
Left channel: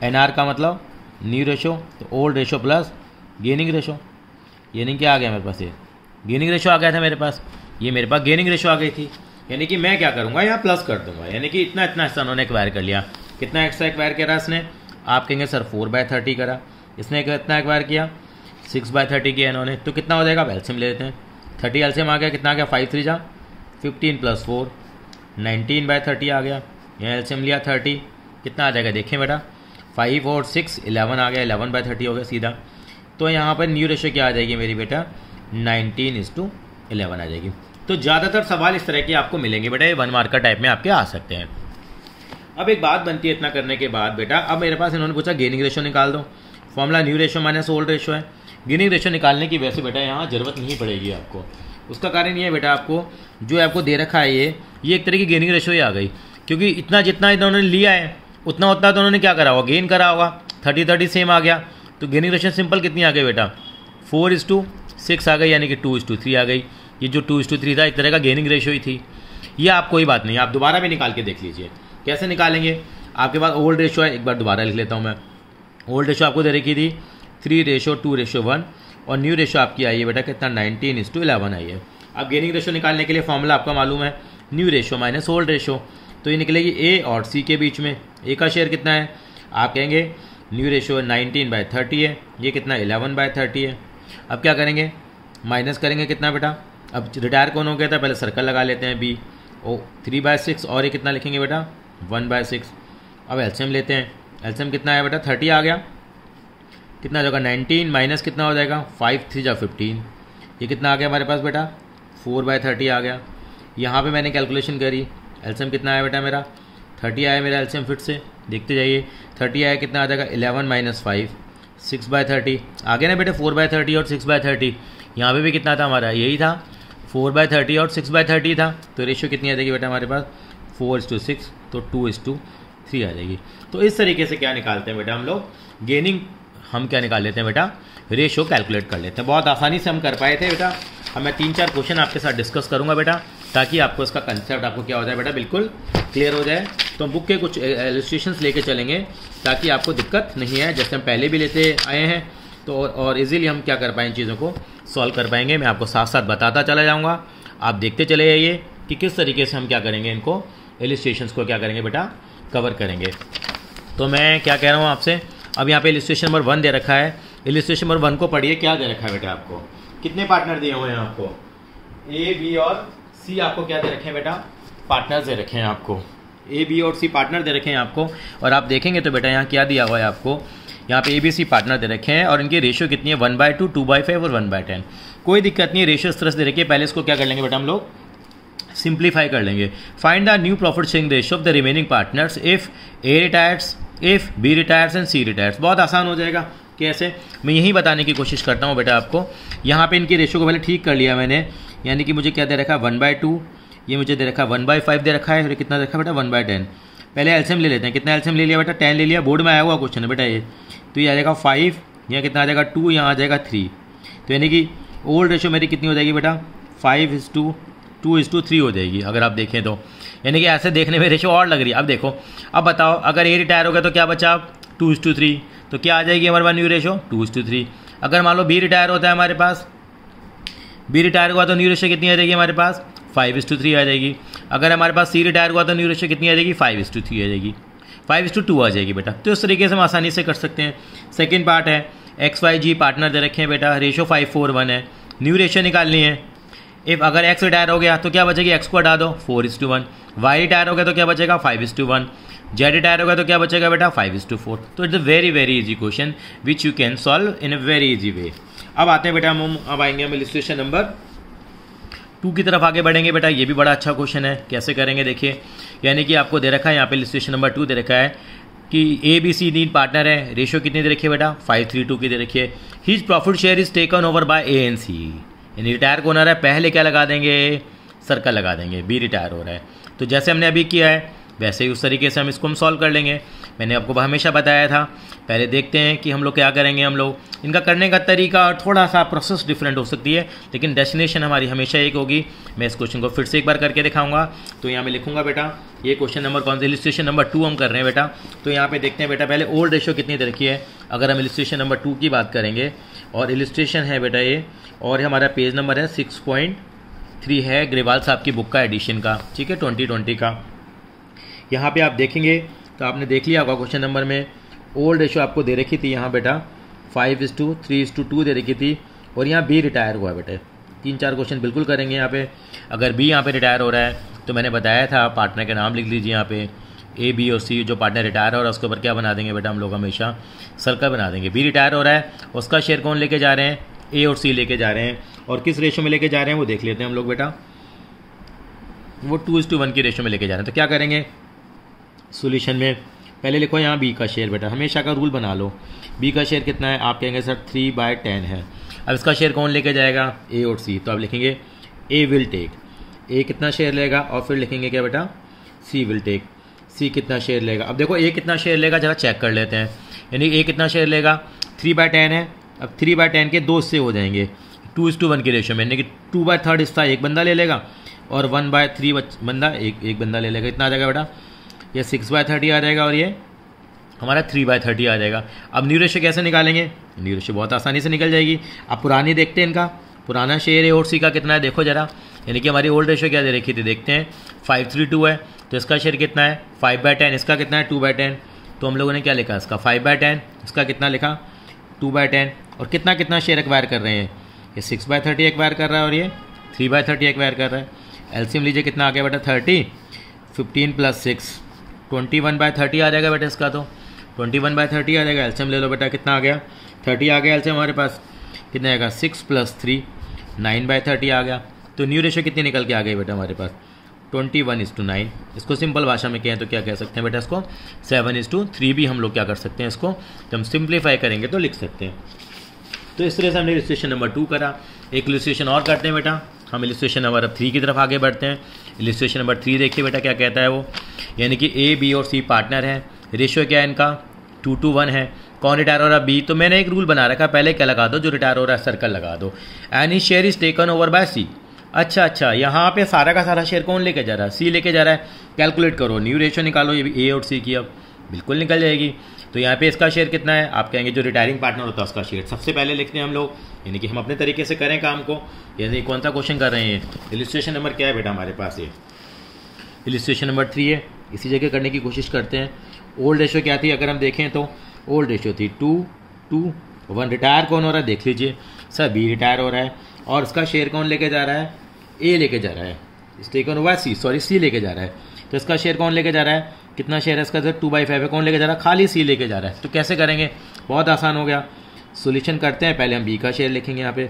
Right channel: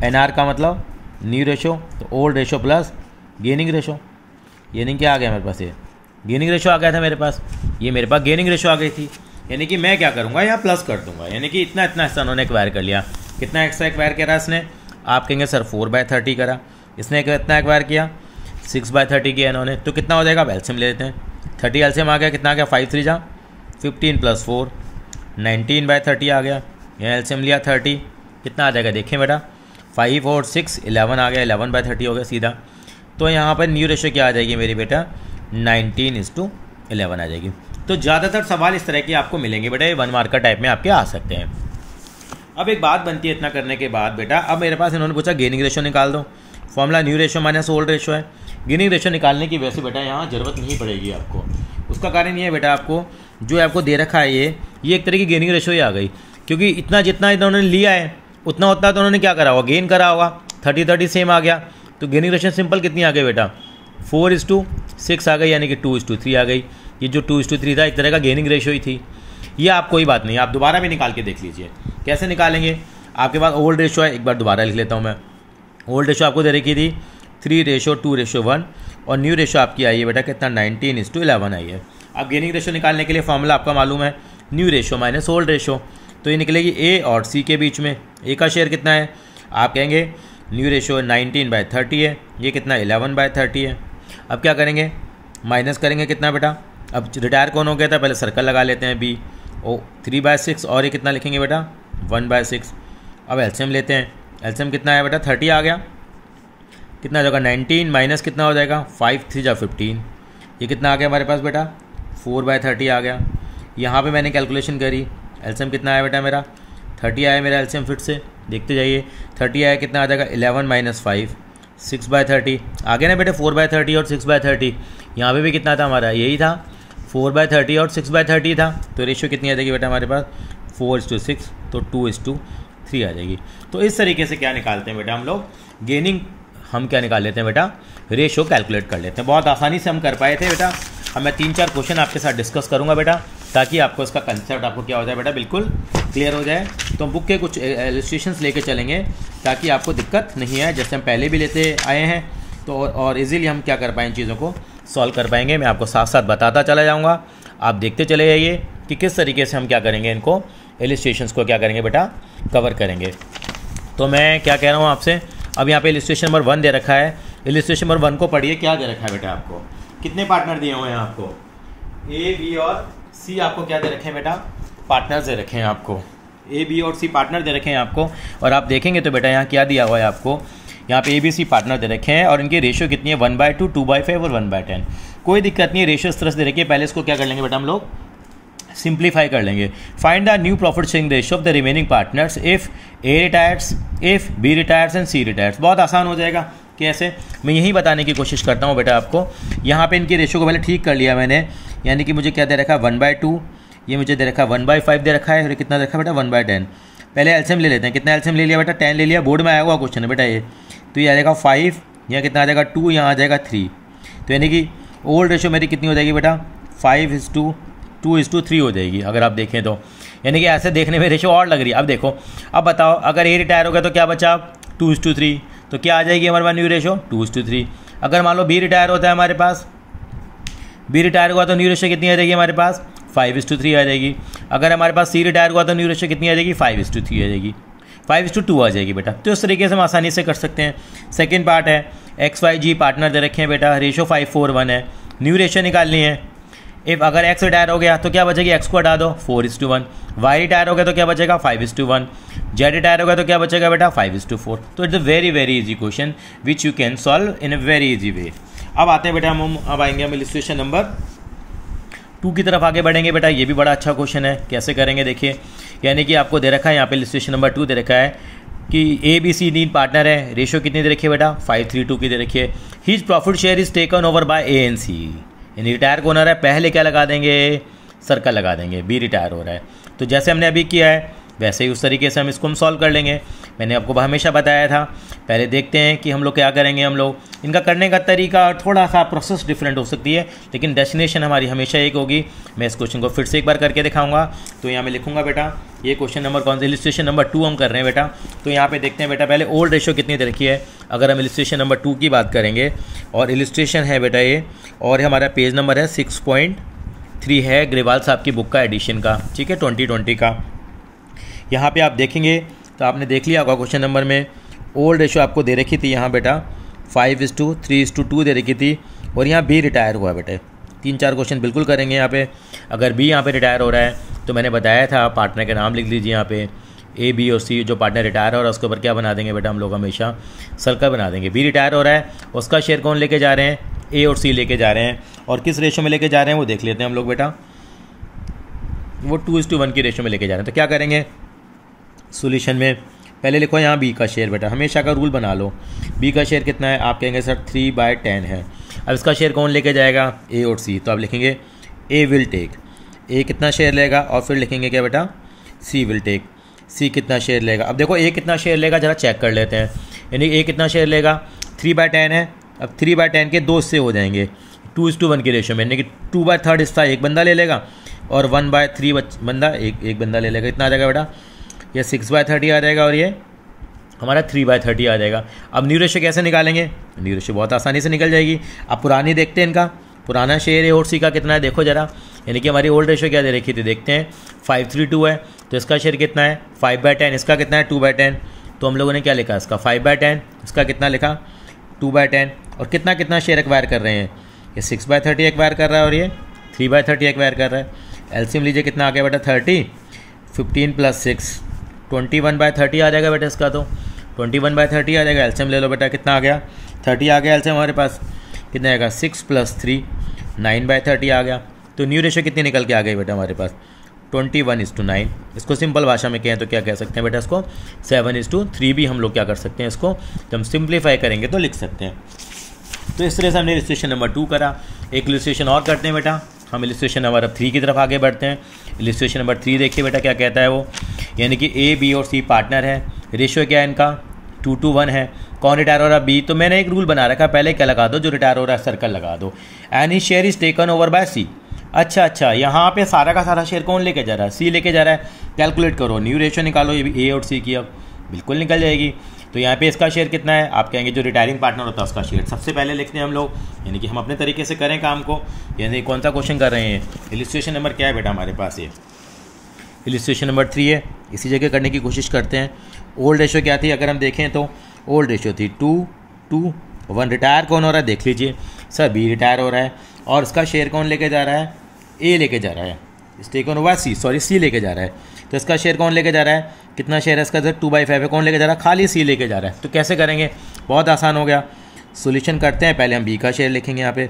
एनआर का मतलब न्यू रेशो, तो old ratio plus gaining ratio. यानी क्या आ गया मेरे पास, ये गेनिंग रेशो आ गया था मेरे पास, ये मेरे पास गेनिंग रेशो आ गई थी। यानी कि मैं क्या करूँगा, यहाँ प्लस कर दूंगा। यानी कि इतना इतना हिस्सा उन्होंने एक्वायर कर लिया। कितना एक्स्ट्रा एक्वायर करा इसने, आप कहेंगे सर 4/30 करा, इसने कितना एक्वायर किया 6/30 किया इन्होंने। तो कितना हो जाएगा, एलसीएम ले लेते हैं। 30 एलसीएम आ गया, कितना आ गया 5 3 जा 15 + 4 19/30 आ गया। यहाँ एलसीएम लिया 30, कितना आ जाएगा देखिए बेटा, 5 और 6 11 आ गया, 11/30 हो गया सीधा। तो यहाँ पर न्यू रेशो क्या आ जाएगी मेरी बेटा, 19:11 आ जाएगी। तो ज़्यादातर सवाल इस तरह के आपको मिलेंगे बेटा, ये 1 मार्कर टाइप में आपके आ सकते हैं। अब एक बात बनती है इतना करने के बाद बेटा, अब मेरे पास इन्होंने पूछा गेनिंग रेशो निकाल दो। Formula new ratio minus old ratio है। गेनिंग रेशो निकालने की वैसे बेटा यहाँ ज़रूरत नहीं पड़ेगी आपको। उसका कारण ये है बेटा, आपको जो आपको दे रखा है ये एक तरह की गेनिंग रेशो ही आ गई, क्योंकि इतना जितना इन्होंने लिया है उतना उतना तो उन्होंने क्या करा होगा, गेन करा होगा। 30-30 सेम आ गया, तो गेनिंग रेशो सिंपल कितनी आ गई बेटा, 4:6 आ गई, यानी कि 2:3 आ गई। ये जो 2:3 था एक तरह का गेनिंग रेशो ही थी। ये आप कोई बात नहीं, आप दोबारा भी निकाल के देख लीजिए कैसे निकालेंगे। आपके पास ओल्ड रेशो है, एक बार दोबारा लिख लेता हूँ मैं। ओल्ड रेशो आपको दे रखी थी 3:2:1, और न्यू रेशो आपकी आई है बेटा कितना, 19:11 आई है। अब गेनिंग रेशो निकालने के लिए फॉर्मूला आपका मालूम है, new ratio minus old ratio. तो ये निकलेगी ए और सी के बीच में। ए का शेयर कितना है, आप कहेंगे न्यू रेशो 19/30 है, ये कितना 11/30 है। अब क्या करेंगे, माइनस करेंगे कितना बेटा, अब रिटायर कौन हो गया था, पहले सर्कल लगा लेते हैं बी, ओ 3/6, और ये कितना लिखेंगे बेटा 1/6। अब एलसीएम लेते हैं, एलसीएम कितना है बेटा 30 आ गया, कितना हो जाएगा 19 माइनस कितना हो जाएगा 5 3 जा 15, ये कितना आ गया हमारे पास बेटा 4/30 आ गया। यहाँ पे मैंने कैलकुलेशन करी, एलसीएम कितना आया बेटा मेरा 30 आया मेरा एलसीएम, फिर से देखते जाइए 30 आया, कितना आ जाएगा 11 माइनस 5 6/30 आ गया ना बेटे, 4/30 और 6/30। यहाँ पे भी कितना था हमारा, यही था 4/30 और 6/30 था। तो रेशियो कितनी आ जाएगी बेटा हमारे पास 4:6, तो 2:3 आ जाएगी। तो इस तरीके से क्या निकालते हैं बेटा हम लोग, गेनिंग हम क्या निकाल लेते हैं बेटा, रेशो कैलकुलेट कर लेते हैं। बहुत आसानी से हम कर पाए थे बेटा। अब मैं 3-4 क्वेश्चन आपके साथ डिस्कस करूंगा बेटा, ताकि आपको इसका कंसेप्ट आपको क्या हो जाए बेटा, बिल्कुल क्लियर हो जाए। तो बुक के कुछ इलस्ट्रेशंस लेके चलेंगे ताकि आपको दिक्कत नहीं आए, जैसे हम पहले भी लेते आए हैं। तो और इजीली हम क्या कर पाएँ, चीज़ों को सॉल्व कर पाएंगे। मैं आपको साथ साथ बताता चला जाऊँगा, आप देखते चले जाइए कि किस तरीके से हम क्या करेंगे, इनको इलस्ट्रेशंस को क्या करेंगे बेटा, कवर करेंगे। तो मैं क्या कह रहा हूँ आपसे, अब यहाँ पे इलस्ट्रेशन नंबर 1 दे रखा है। इलस्ट्रेशन नंबर 1 को पढ़िए, क्या दे रखा है बेटा आपको, कितने पार्टनर दिए हुए हैं आपको, ए बी और सी आपको क्या दे रखे हैं बेटा, पार्टनर्स दे रखे हैं आपको, ए बी और सी पार्टनर दे रखे हैं आपको। और आप देखेंगे तो बेटा यहाँ क्या दिया हुआ है आपको, यहाँ पे ए बी सी पार्टनर दे रखे हैं और इनकी रेशियो कितनी है, 1/2, 2/5 और 1/10। कोई दिक्कत नहीं है, रेशियो इस तरह से दे रखी है। पहले इसको क्या कर लेंगे बेटा, हम लोग सिंप्लीफाई कर लेंगे। Find the new profit sharing ratio of the remaining partners if A retires, if B retires and C retires. बहुत आसान हो जाएगा। कैसे, मैं यही बताने की कोशिश करता हूँ बेटा आपको। यहाँ पे इनकी रेशियो को पहले ठीक कर लिया मैंने, यानी कि मुझे क्या दे रखा है 1/2, ये मुझे दे रखा है 1/5 दे रखा है, और कितना दे रखा है बेटा 1/10। पहले एलसीएम ले लेते हैं, कितना एलसीएम ले लिया बेटा, 10 ले लिया। बोर्ड में आया हुआ क्वेश्चन है बेटा ये, तो ये आ जाएगा 5, यहाँ कितना आ जाएगा 2, यहाँ आ जाएगा 3। तो यानी कि ओल्ड रेशियो मेरी कितनी हो जाएगी बेटा, 5:2:3 हो जाएगी अगर आप देखें तो। यानी कि ऐसे देखने में रेशियो और लग रही है। अब देखो, अब बताओ अगर ए रिटायर हो गया तो क्या बचा, 2:3, तो क्या आ जाएगी हमारे पास न्यू रेशियो 2:3। अगर मान लो बी रिटायर होता है हमारे पास, बी रिटायर हुआ तो न्यू रेशियो कितनी आ जाएगी हमारे पास, 5:3 आ जाएगी। अगर हमारे पास सी रिटायर हुआ तो न्यू रेशियो कितनी आ जाएगी, 5:3 आ जाएगी, 5:2 आ जाएगी बेटा। तो इस तरीके से हम आसानी से कर सकते हैं। सेकेंड पार्ट है, XYG पार्टनर दे रखे हैं बेटा, रेशियो 5:4:1 है, न्यू रेशियो निकालनी है। इफ अगर एक्स रिटायर हो गया तो क्या बचेगी, एक्स को हटा दो 4:1, वाई रिटायर हो गया तो क्या बचेगा 5:1, जेड रिटायर हो गया तो क्या बचेगा बेटा 5:4। तो it's a very very easy question which you can solve in a very easy way. अब आते हैं बेटा हम, अब आएंगे हम इलस्ट्रेशन नंबर 2 की तरफ आगे बढ़ेंगे बेटा। ये भी बड़ा अच्छा क्वेश्चन है, कैसे करेंगे देखिए। यानी कि आपको दे रखा है यहाँ पे इलस्ट्रेशन नंबर 2 दे रखा है कि ए बी सी तीन पार्टनर है, रेशियो कितनी दे रखी है बेटा 5:3:2 की दे रखी है। His profit share is taken over by A and C. यानी रिटायर कौन हो रहा है, पहले क्या लगा देंगे, सर्कल लगा देंगे, बी रिटायर हो रहा है। तो जैसे हमने अभी किया है वैसे ही उस तरीके से हम इसको हम सॉल्व कर लेंगे। मैंने आपको हमेशा बताया था। पहले देखते हैं कि हम लोग क्या करेंगे। हम लोग इनका करने का तरीका और थोड़ा सा प्रोसेस डिफरेंट हो सकती है, लेकिन डेस्टिनेशन हमारी हमेशा एक होगी। मैं इस क्वेश्चन को फिर से एक बार करके दिखाऊंगा। तो यहाँ मैं लिखूंगा बेटा, ये क्वेश्चन नंबर कौन सा, इलस्ट्रेशन नंबर 2 हम कर रहे हैं बेटा। तो यहाँ पे देखते हैं बेटा, पहले ओल्ड रेशियो कितनी दे रखी है। अगर हम इलस्ट्रेशन नंबर 2 की बात करेंगे, और इलस्ट्रेशन है बेटा ये, और हमारा पेज नंबर है 6.3 है, ग्रेवाल साहब की बुक का एडिशन का, ठीक है, 2020 का। यहाँ पे आप देखेंगे तो आपने देख लिया होगा क्वेश्चन नंबर में ओल्ड रेशियो आपको दे रखी थी यहाँ बेटा 5:3:2 दे रखी थी, और यहाँ बी रिटायर हुआ बेटा। 3-4 क्वेश्चन बिल्कुल करेंगे यहाँ पे। अगर बी यहाँ पे रिटायर हो रहा है तो मैंने बताया था पार्टनर के नाम लिख लीजिए यहाँ पे, ए बी और सी। जो पार्टनर रिटायर हो रहा है उसके ऊपर क्या बना देंगे बेटा, हम लोग हमेशा सर्कल बना देंगे। बी रिटायर हो रहा है, उसका शेयर कौन लेके जा रहे हैं, ए और सी लेके जा रहे हैं, और किस रेशियो में लेके जा रहे हैं वो देख लेते हैं हम लोग बेटा। वो 2:1 की रेशियो में लेके जा रहे हैं। तो क्या करेंगे सॉल्यूशन में, पहले लिखो यहाँ बी का शेयर बेटा, हमेशा का रूल बना लो। बी का शेयर कितना है, आप कहेंगे सर 3/10 है। अब इसका शेयर कौन लेके जाएगा, ए और सी। तो आप लिखेंगे ए विल टेक, ए कितना शेयर लेगा, और फिर लिखेंगे क्या बेटा, सी विल टेक, सी कितना शेयर लेगा। अब देखो ए कितना शेयर लेगा जरा चेक कर लेते हैं। यानी ए कितना शेयर लेगा, 3/10 है। अब 3/10 के 2 हिस्से हो जाएंगे 2:1 की रेशियो में, यानी कि 2/3 हिस्सा एक बंदा ले लेगा, और 1/3 बंदा एक बंदा ले लेगा। इतना आ जाएगा बेटा, ये 6/30 आ जाएगा, और ये हमारा 3/30 आ जाएगा। अब न्यू रेशियो कैसे निकालेंगे, न्यू रेशियो बहुत आसानी से निकल जाएगी। अब पुरानी देखते हैं, इनका पुराना शेयर ए और सी का कितना है देखो जरा। यानी कि हमारी ओल्ड रेशियो क्या दे रखी थी, देखते हैं 5:3:2 है, तो इसका शेयर कितना है 5/10, इसका कितना है 2/10। तो हम लोगों ने क्या लिखा, इसका 5/10, इसका कितना लिखा 2/10, और कितना कितना शेयर एक्वायर कर रहे हैं, ये 6/30 एक्वायर कर रहा है, और ये 3/30 एक्वायर कर रहा है। एलसीएम लीजिए कितना आ गया बेटा 30, 15 + 6 21/30 आ जाएगा बेटा इसका। तो 21/30 आ जाएगा। एलसीएम ले लो बेटा, कितना आ गया 30 आ गया एलसीएम हमारे पास। कितना आएगा 6 + 3 9/30 आ गया। तो न्यू रेशियो कितनी निकल के आ गई बेटा हमारे पास 21:9। इसको सिंपल भाषा में कहें तो क्या कह सकते हैं बेटा, इसको 7:3 भी हम लोग क्या कर सकते हैं, इसको जब हम सिंप्लीफाई करेंगे तो लिख सकते हैं। तो इस तरह से हमने इलस्ट्रेशन नंबर 2 करा। एक इलस्ट्रेशन और करते हैं बेटा, हम इलस्ट्रेशन नंबर 3 की तरफ आगे बढ़ते हैं। इलस्ट्रेशन नंबर 3 देखिए बेटा क्या कहता है वो, यानी कि ए बी और सी पार्टनर है, रेशियो क्या है इनका 2:1 है। कौन रिटायर हो रहा है? बी। तो मैंने एक रूल बना रखा है, पहले क्या लगा दो, जो रिटायर हो रहा है सर्कल लगा दो। Any share is taken over by C. अच्छा, यहाँ पे सारा का सारा शेयर कौन लेके जा रहा है? सी लेके जा रहा है। कैलकुलेट करो, न्यू रेशियो निकालो, ये भी ए और सी की अब बिल्कुल निकल जाएगी। तो यहाँ पे इसका शेयर कितना है? आप कहेंगे जो रिटायरिंग पार्टनर होता है उसका शेयर सबसे पहले लिखते हैं हम लोग, यानी कि हम अपने तरीके से करें काम को। यानी कौन सा क्वेश्चन कर रहे हैं? इलिस्ट्रेशन नंबर क्या है बेटा हमारे पास? ये इलिस्ट्रेशन नंबर 3 है। इसी जगह करने की कोशिश करते हैं। ओल्ड रेशियो क्या थी अगर हम देखें तो? ओल्ड रेशियो थी 2:1। रिटायर कौन हो रहा है देख लीजिए सर, बी रिटायर हो रहा है और इसका शेयर कौन लेके जा रहा है? ए लेके जा रहा है। टेकन ओवर सी, सॉरी सी लेके जा रहा है। तो इसका शेयर कौन लेके जा रहा है? कितना शेयर है इसका? सर 2/5 है। कौन लेके जा रहा है? खाली सी लेके जा रहा है। तो कैसे करेंगे? बहुत आसान हो गया। सोल्यूशन करते हैं। पहले हम बी का शेयर लिखेंगे। यहाँ पे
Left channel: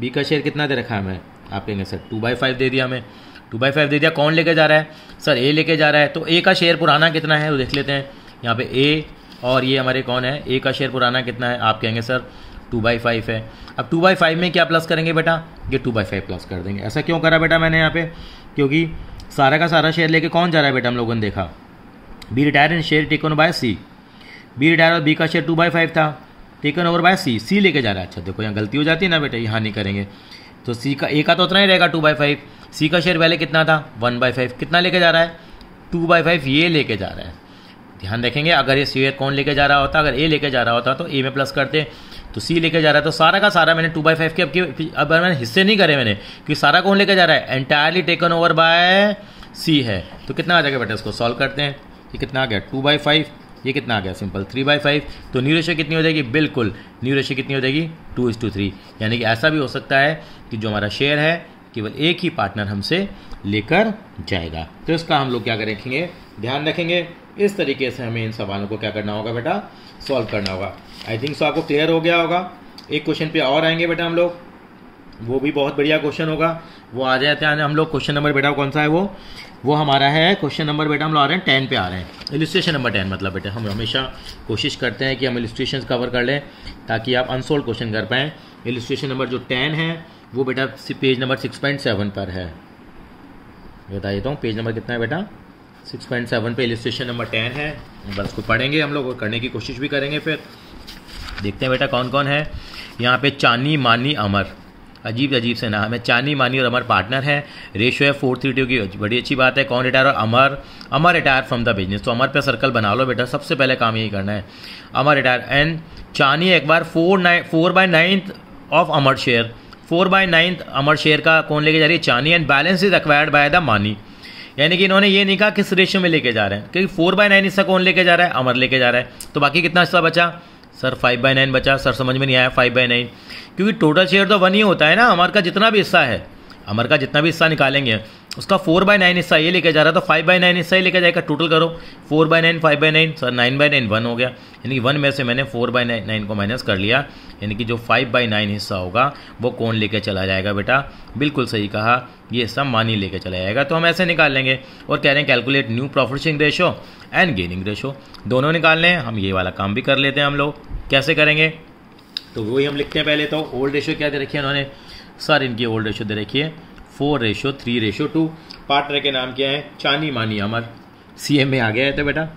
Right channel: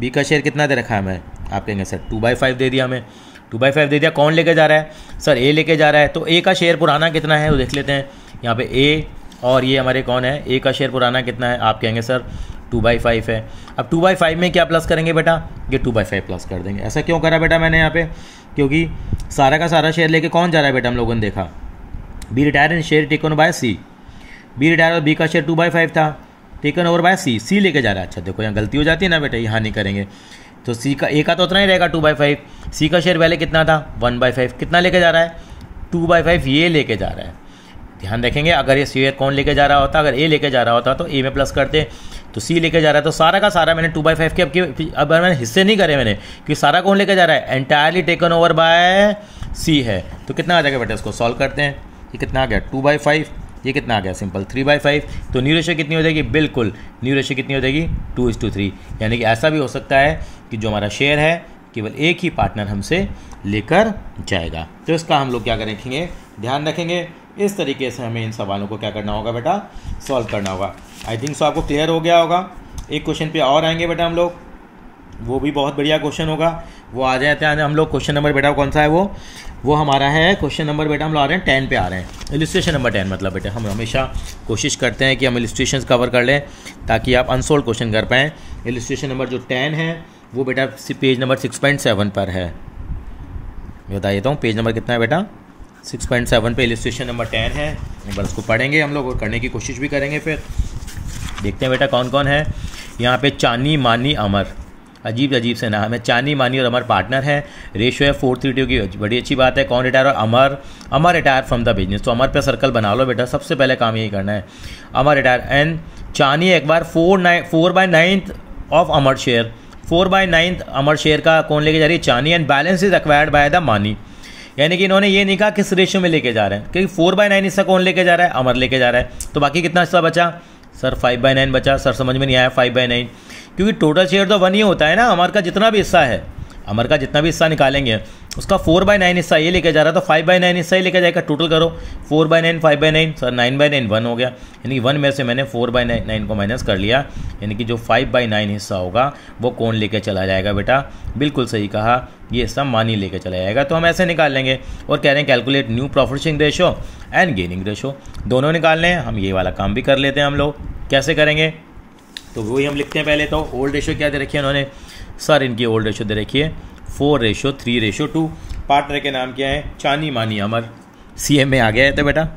बी का शेयर कितना दे रखा है हमें? आप कहेंगे सर 2/5 दे दिया हमें, 2/5 दे दिया। कौन लेके जा रहा है? सर ए लेके जा रहा है। तो ए का शेयर पुराना कितना है वो देख लेते हैं। यहाँ पे ए और ये हमारे कौन है? ए का शेयर पुराना कितना है? आप कहेंगे सर 2/5 है। अब 2/5 में क्या प्लस करेंगे बेटा? ये 2/5 प्लस कर देंगे। ऐसा क्यों करा बेटा मैंने यहाँ पे? क्योंकि सारा का सारा शेयर लेके कौन जा रहा है बेटा? हम लोगों ने देखा B retire and share taken by C. B retire और बी का शेयर 2/5 था, taken over by C. C लेके जा रहा है। अच्छा देखो यहाँ गलती हो जाती है ना बेटा, यहाँ नहीं करेंगे। तो सी का ए का तो उतना ही रहेगा 2/5। सी का शेयर पहले कितना था? 1/5। कितना लेके जा रहा है? 2/5 ये लेके जा रहा है। ध्यान रखेंगे, अगर ये शेयर कौन लेके जा रहा होता? अगर ए लेके जा रहा होता तो ए में प्लस करते, तो सी लेके जा रहा है। तो सारा का सारा मैंने 2/5 के अब मैंने हिस्से नहीं करे मैंने, कि सारा कौन लेके जा रहा है? एंटायरली टेकन ओवर बाय सी है। तो कितना आ जाएगा बेटा? इसको सॉल्व करते हैं। ये कितना आ गया? 2/5। ये कितना आ गया? सिंपल 3/5। तो न्यू रेशियो कितनी हो जाएगी? बिल्कुल न्यू रेशियो कितनी हो जाएगी? 2:3। यानी कि ऐसा भी हो सकता है कि जो हमारा शेयर है केवल एक ही पार्टनर हमसे लेकर जाएगा। तो इसका हम लोग क्या करेंगे? ध्यान रखेंगे। इस तरीके से हमें इन सवालों को क्या करना होगा बेटा? सॉल्व करना होगा। आई थिंक सो आपको क्लियर हो गया होगा। एक क्वेश्चन पे और आएंगे बेटा हम लोग, वो भी बहुत बढ़िया क्वेश्चन होगा। वो आ जाते हैं हम लोग। क्वेश्चन नंबर बेटा कौन सा है? वो हमारा है क्वेश्चन नंबर बेटा हम लोग आ रहे हैं 10 पे आ रहे हैं। इलिस्ट्रेशन नंबर 10 मतलब बेटा हम हमेशा कोशिश करते हैं कि हम इलिस्ट्रेशन कवर कर लें ताकि आप अनसोल्व क्वेश्चन कर पाएँ। इलिस्ट्रेशन नंबर जो 10 है वो बेटा पेज नंबर 6.7 पर है। बताइए तो पेज नंबर कितना है बेटा? 6.7 पे इलिस्ट्रेशन नंबर 10 है। बस उसको पढ़ेंगे हम लोग और करने की कोशिश भी करेंगे। फिर देखते हैं बेटा कौन कौन है यहाँ पे। चानी, मानी, अमर, अजीब अजीब से नाम है। चानी, मानी और अमर पार्टनर है। रेशियो है 4:3 की, बड़ी अच्छी बात है। कौन retire? Amar. Amar retire from the business. तो अमर पे सर्कल बना लो बेटा, सबसे पहले काम यही करना है। अमर रिटायर एंड चानी एक बार 4/9 of Amar share. 4/9 Amar share का कौन लेके जा रही है? चानी। And balance is acquired by the मानी। यानी कि इन्होंने ये नहीं कहा किस रेशियो में लेके जा रहे हैं, क्योंकि 4/9 हिस्सा कौन लेके जा रहा है? अमर लेके जा रहा है। तो बाकी कितना हिस्सा बचा? सर 5/9 बचा। सर समझ में नहीं आया 5/9, क्योंकि टोटल शेयर तो 1 ही होता है ना। अमर का जितना भी हिस्सा है, अमर का जितना भी हिस्सा निकालेंगे उसका 4/9 हिस्सा ये लेके जा रहा है, तो 5/9 हिस्सा ही लेके जाएगा। टोटल करो 4/9 5/9, सर 9/9 1 हो गया। यानी कि 1 में से मैंने 4/9 को माइनस कर लिया, यानी कि जो 5/9 हिस्सा होगा वो कौन लेके चला जाएगा बेटा? बिल्कुल सही कहा, ये हिस्सा मानी लेके चला जाएगा। तो हम ऐसे निकाल लेंगे और कह रहे हैं calculate new profit sharing ratio and gaining ratio, दोनों निकालने हैं। हम ये वाला काम भी कर लेते हैं हम लोग। कैसे करेंगे? तो वही हम लिखते हैं पहले। तो ओल्ड रेशियो क्या दे रखी है उन्होंने? सर इनकी ओल्ड रेशियो दे रखी है 4:3:2। पार्टनर के नाम क्या है? चानी, मानी, अमर। सीएम में आ गया है तो बेटा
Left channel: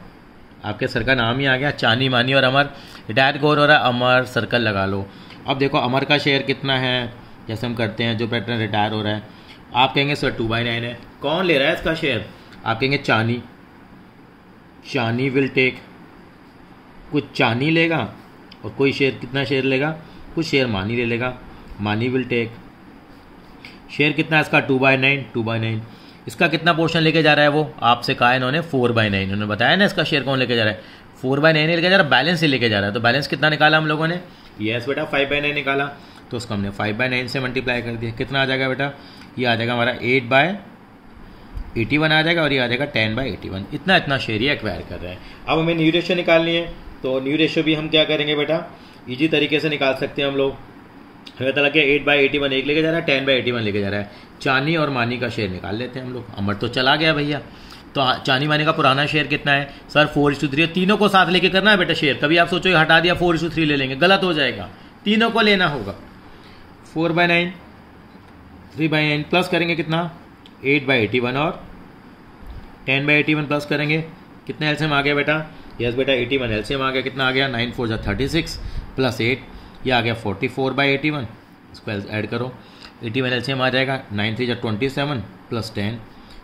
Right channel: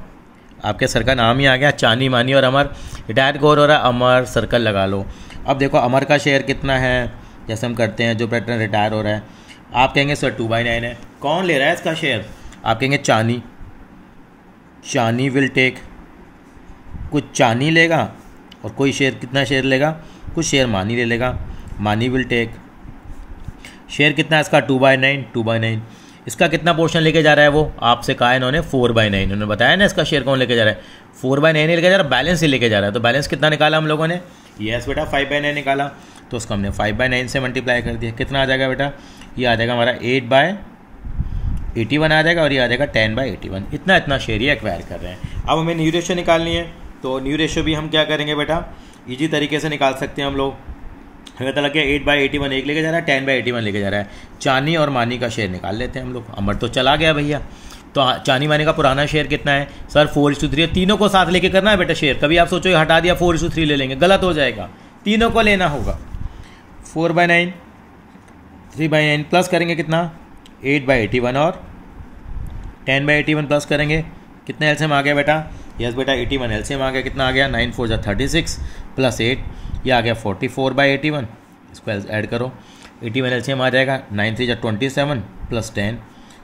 आपके सर का नाम ही आ गया, चानी, मानी और अमर। रिटायर कौन हो रहा है? अमर। सर्कल लगा लो। अब देखो अमर का शेयर कितना है, जैसे हम करते हैं जो पार्टनर रिटायर हो रहा है। आप कहेंगे सर 2/9 है। कौन ले रहा है इसका शेयर? आप कहेंगे चानी। चानी विल टेक, कुछ चानी लेगा और कोई शेयर, कितना शेयर लेगा? कुछ शेयर मानी ले लेगा। मानी विल टेक, शेयर कितना है इसका? 2/9। इसका कितना पोर्शन लेके जा रहा है? वो आपसे कहा है इन्होंने 4/9। इन्होंने बताया ना इसका शेयर कौन लेके जा रहा है? 4/9 लेके जा रहा है, बैलेंस ही लेके जा रहा है। तो बैलेंस कितना निकाला हम लोगों ने? यस बेटा 5/9 निकाला। तो उसको हमने 5/9 से मल्टीप्लाई कर दिया। कितना आ जाएगा बेटा? ये आ जाएगा हमारा 8/81 आ जाएगा और ये आ जाएगा 10/81। इतना शेयर ही एक्वायर कर रहे हैं। अब हमें न्यू रेशियो निकालनी है, तो न्यू रेशियो भी हम क्या करेंगे बेटा? ईजी तरीके से निकाल सकते हैं हम लोग। हमें पता लग गया 8/81 एक लेके जा रहा है, 10/81 लेके जा रहा है। चानी और मानी का शेयर निकाल लेते हैं हम लोग। अमर तो चला गया भैया, तो चानी मानी का पुराना शेयर कितना है? सर 4:3। तीनों को साथ लेके करना है बेटा शेयर। कभी आप सोचो हटा दिया 4:3 ले लेंगे, गलत हो जाएगा। तीनों को लेना होगा। 4/9 3/9 प्लस करेंगे कितना? 8/81 और 10/81 प्लस करेंगे कितने एलसीएम आ गया बेटा? यस बेटा 81 एलसीएम आ गया, कितना आ गया 9 4 जा 36 प्लस 8, ये आ गया 44/81, इसको ऐड करो, 81 एलसीएम आ जाएगा, 9 3 जा 27 प्लस 10,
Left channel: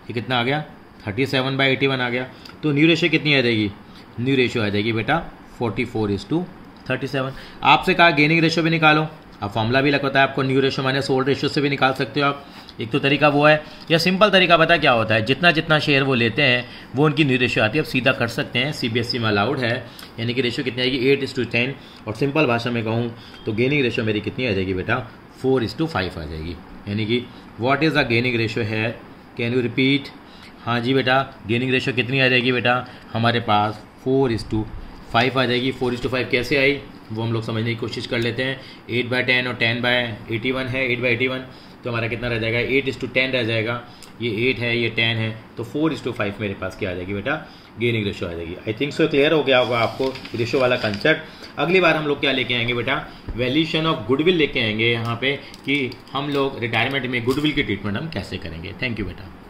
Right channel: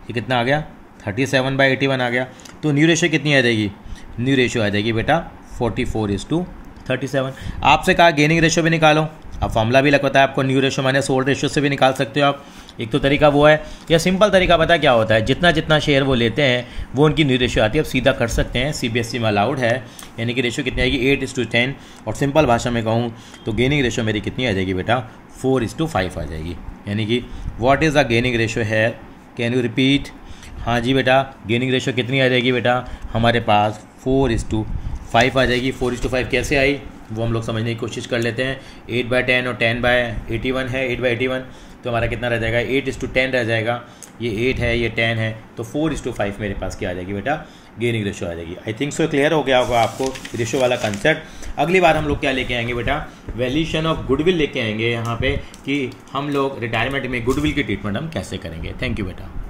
ये कितना आ गया 37/81 आ गया। तो न्यू रेशियो कितनी आ जाएगी, न्यू रेशियो आ जाएगी बेटा 44:37। आपसे कहा गेनिंग रेशियो भी निकालो, अब फॉर्मूला भी लगता है आपको, new ratio minus old ratio से भी निकाल सकते हो आप। एक तो तरीका वो है, या सिंपल तरीका पता क्या होता है, जितना जितना शेयर वो लेते हैं वो उनकी न्यू रेशियो आती है। अब सीधा कर सकते हैं, सीबीएसई में अलाउड है, यानी कि रेशियो कितनी आएगी 8:10। और सिंपल भाषा में कहूँ तो गेनिंग रेशियो मेरी कितनी आ जाएगी बेटा 4:5 आ जाएगी। यानी कि what is the gaining ratio है, कैन यू रिपीट। हाँ जी बेटा, गेनिंग रेशियो कितनी आ जाएगी बेटा हमारे पास 4:5 आ जाएगी। 4:5 कैसे आई वो हम लोग समझने की कोशिश कर लेते हैं। 8/10 और 10/81 है, 8/81 तो हमारा कितना रह जाएगा 8:10 रह जाएगा। ये 8 है, ये 10 है, तो 4:5 मेरे पास क्या आ जाएगी बेटा गेनिंग रेशियो आ जाएगी। आई थिंक सो क्लियर हो गया होगा आपको रेशियो वाला कंसेप्ट। अगली बार हम लोग क्या लेके आएंगे बेटा, वैल्यूएशन ऑफ गुडविल लेके आएंगे यहाँ पे, कि हम लोग रिटायरमेंट में गुडविल की ट्रीटमेंट हम कैसे करेंगे। थैंक यू बेटा।